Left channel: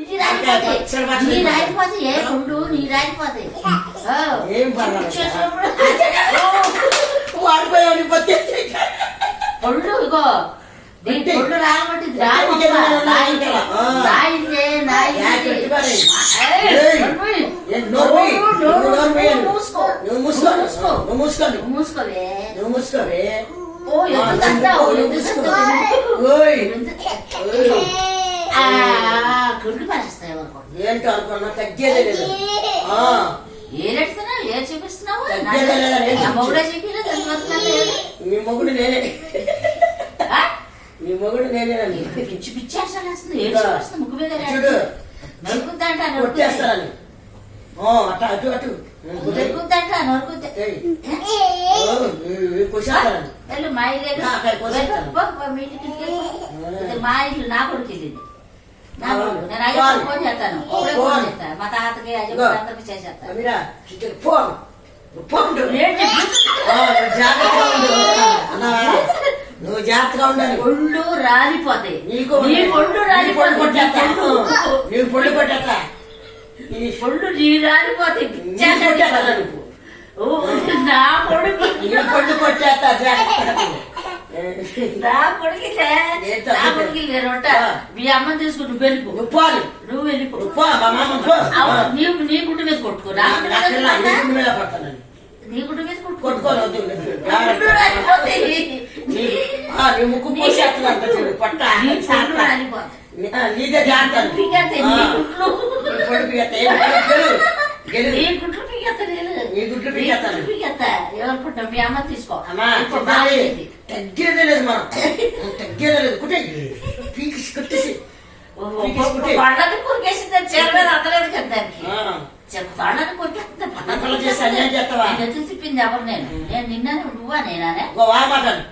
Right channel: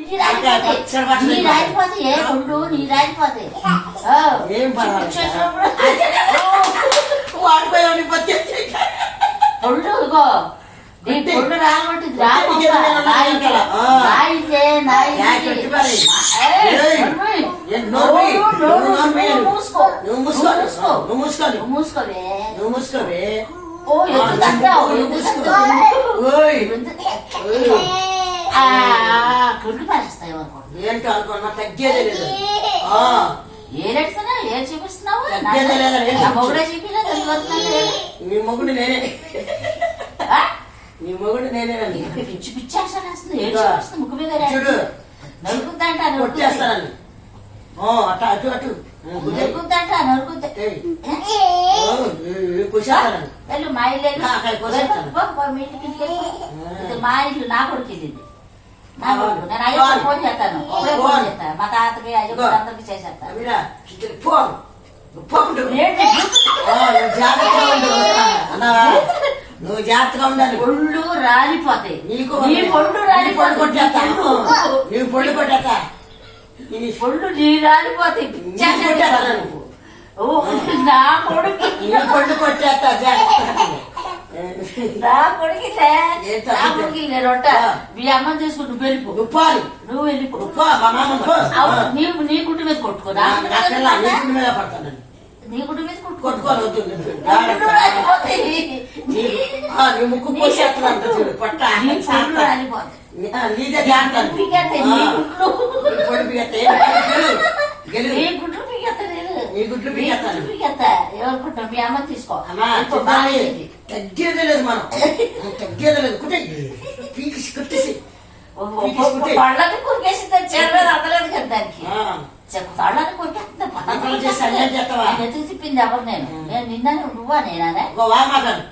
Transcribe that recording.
నీ రాలిపోతే పచ్చడి పచ్చడి నీ రాలిపోతే ఏ కొండు నీ రాలిపోతే ఆ. ఏం పర్వాలేదు. చూసినప్పుడు వాడిపోయావు నీ పత్తి ఒళ్ళు ఇగో నీ అంటే ఒళ్ళు రాలబట్టి అంటే ఇదే ఉన్నాయి కదా. ఆ. నాయిందే యా, చెట్టు మరి. ఏయ్, ఏం నోరు మూయి. నువ్వు నోరు మూయి. మూసుకో నువ్వు మూసుకో మూసుకో నువ్వు మూసుకో నువ్వు మూసుకోవే నువ్వు మూసుకోవే ఓ ఎందుకు అంటావు? ఎందుకు అంటావు? ఓయ్ కొడుకు పారేస్తాయి అనుకోండి ఏంటో అనుకున్నా తగ్గేదే లేదు. ఆ, ఏ చూపిస్తున్నావు? తగ్గేదే నా మొగుడే నీ మొగుడు నేనే నీ మొగుడు పిచ్చి పిచ్చి ఆశలు వేస్తుంది ఏం ఇంకా. చూపిస్తుంది ముక్కు మీద చూడు. నరుకుద్దంట కొట్టేస్తానని ఓ అటు అటు అటు. నరుకుద్దంట నరుకుద్ద ఏయ్, ఓ, ఏ, కొట్టేస్తానని. వెళ్ళు మా ఇల్లు వెళ్ళు. పో, పో, మీ ఇంటికి. ఇది మా ఇల్లు నా కొడుకు ఇది. నేను అయ్యప్ప ఫోన్. ఫోన్ చేస్తాను. ఇప్పుడే ఫోన్. ఫోన్ చేస్తాను. మా తాతకి అయ్యప్ప ఇగో. అందరికి చేసేస్తాను. నువ్వు జాగ్రత్తగా ఉండాలి. ఒళ్ళు రాలిపోతాయి. నీకు నీ పొళ్ళు రాలిపోతాయి. నీ పొళ్ళు. కొట్టేస్తా. నీ పొళ్ళు నీ రాలిపోతాయి. నీ నువ్వు. ఓ నా కొడుకు నీ పొళ్ళు కొట్టేస్తా. జాగ్రత్తగా నా కొడుకు ఏంటో నా కొడుకు రొట్ట. ఆ. మీ అమ్మని తీసుకుని నువ్వు వెళ్ళిపో. పోవాలి నువ్వు వెళ్ళిపో. నువ్వు పో మా మామ పో అవును, నీవు నీ గుడ్డు మీద కొట్టుకో నా గుడ్డు మీద నాకెలా నీ గుడ్డు మీద ముక్కు పట్ట నీదే జాగ్రత్త. నీ గుడ్లు. నీ గుడ్లు నేను. ఎవరుకుంటావు? మీ తీసుకో. అమ్మా బాగుంది. తగ్గేదే లేదు మనం. తగ్గేదే లేదు. కుట్టే. పీకిసి కుట్టేసి. పళ్ళకి కొరికేసింది చెరు మీద అందలేదు కదా దానికి. చేసి నేను? నేను నిన్న? నువ్వా వామాటలు